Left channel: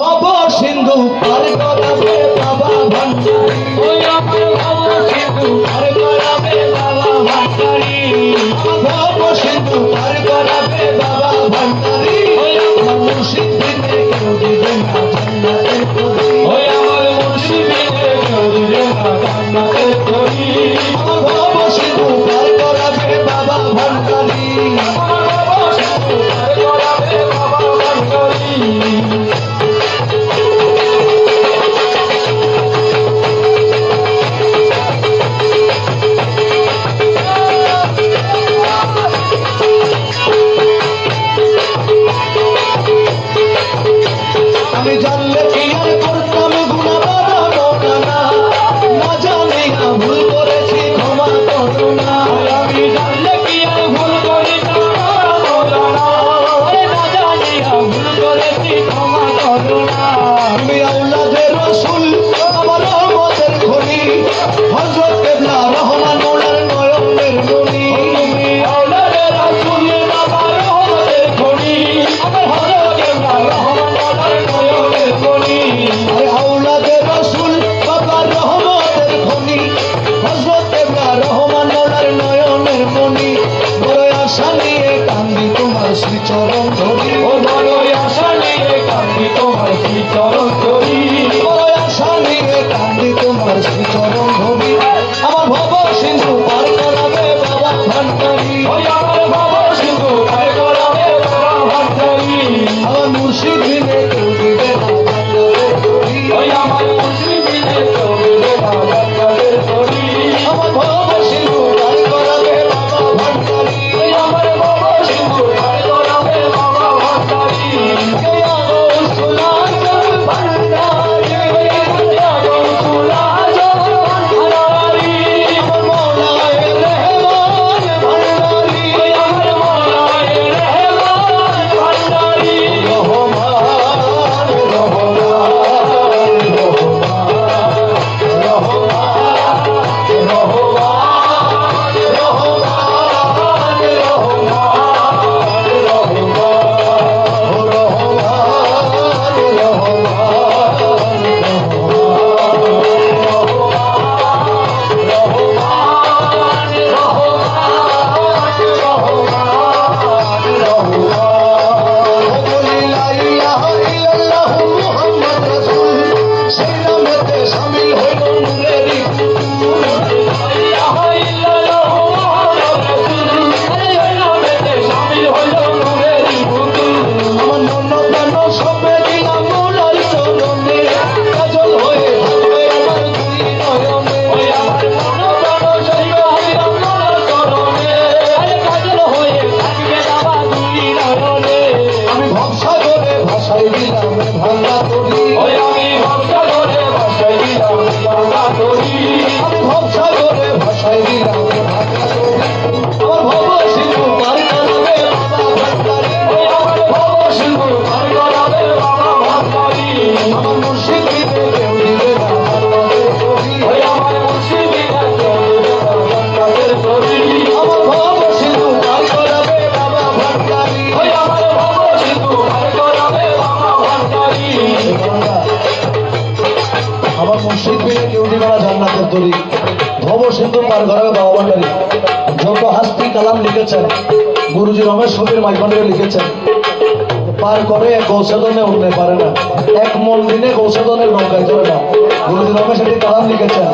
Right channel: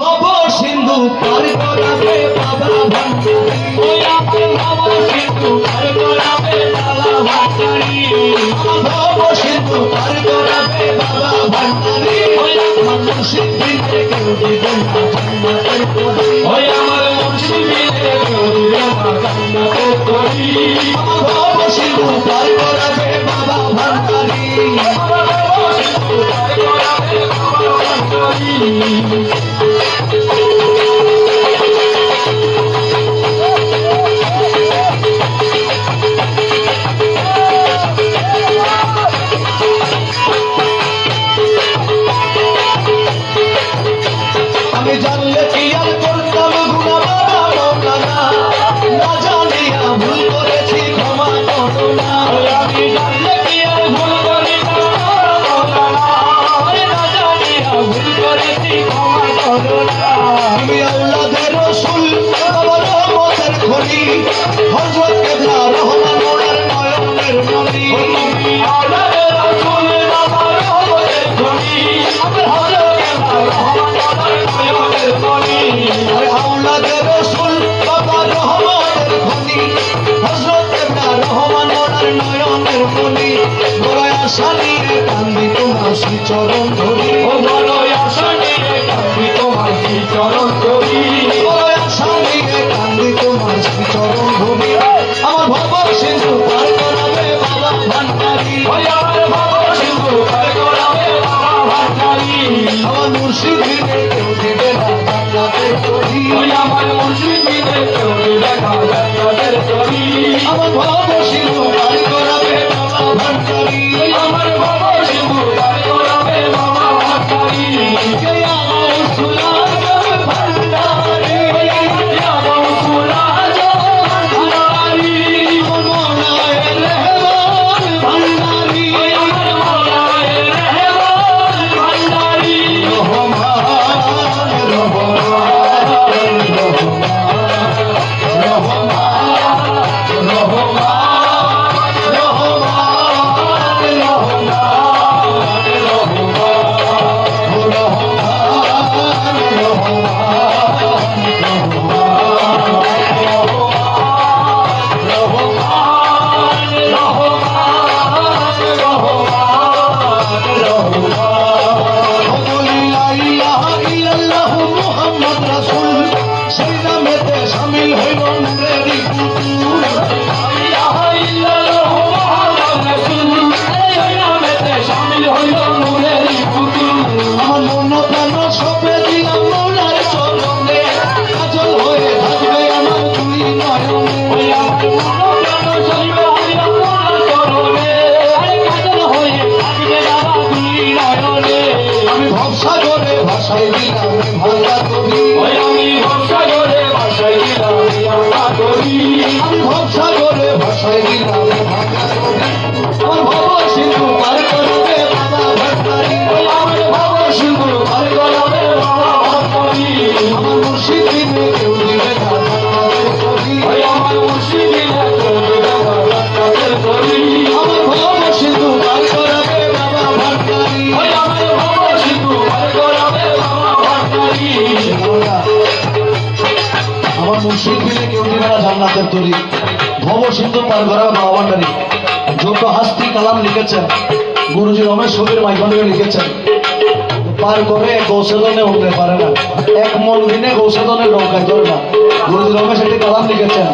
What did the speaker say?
ভব সিন্ধু পার করাবে বাবা ভান্ডারী, ওই আমার ভব সিন্ধু পার করাবে বাবা ভান্ডারী, ভব সিন্ধু পার করাবে বাবা ভান্ডারী, ওই আমার মুর্শিদ বিনে কেউ দিবে না জান্নাতের তরি, ওই আমার মুর্শিদ বিনে কেউ দিবে না জান্নাতের তরি, ভব সিন্ধু পার করাবে বাবা ভান্ডারী, ভব সিন্ধু পার করাবে বাবা ভান্ডারী। আমি জানলে কি আর করতাম গুনাহ না, না জানিয়া ভুল করেছি ক্ষমা করো না, আমি জানলে কি আর ভুল করেছি না জানিয়া ভুল করেছি ক্ষমা করো না, আমি আওলাদে রাসূল বাবা রহমতের খনি হযরত কেবলা রহমান ওনার নয়নের মনি, আমি আওলাদে রাসূল বাবা রহমতের খনি আমার হযরত কেবলা রহমান ওনার নয়নের মনি, আওলাদে রাসূল বাবা রহমতের খনি হযরত কেবলা রহমান ওনার নয়নের মনি, বড় আশা নিয়ে কান্দি তোমার শ্রীচরণ ধরি, ও বড় আশা নিয়ে কান্দি তোমার শ্রীচরণ ধরি, বড় আশা নিয়ে কান্দি তোমার শ্রীচরণ ধরি, আমার ভব সিন্ধু পার করাবে বাবা ভান্ডারী, ওই আমার ভব সিন্ধু পার করাবে বাবা ভান্ডারী, আমার মুর্শিদ বিনে কেউ দিবে না জান্নাতের তরি, ওই আমার মুর্শিদ বিনে কেউ দিবে না জান্নাতের তরি, আমার ভব সিন্ধু পার করাবে বাবা ভান্ডারী, ওই আমার ভব সিন্ধু পার করাবে বাবা ভান্ডারী, ভব সিন্ধু পার করাবে বাবা ভান্ডারী, যত হাস্তি কালাম লিখেছেন গুরুজি রমেশ সমীর মাইফানকে লিখেছেন, পার করে গৌসাদনে উঠতে পারে না, এক মন দিনে গৌসাদনের নৌকায় চলে না, গুরুজি রমেশ একটি কালাম লিখেছেন,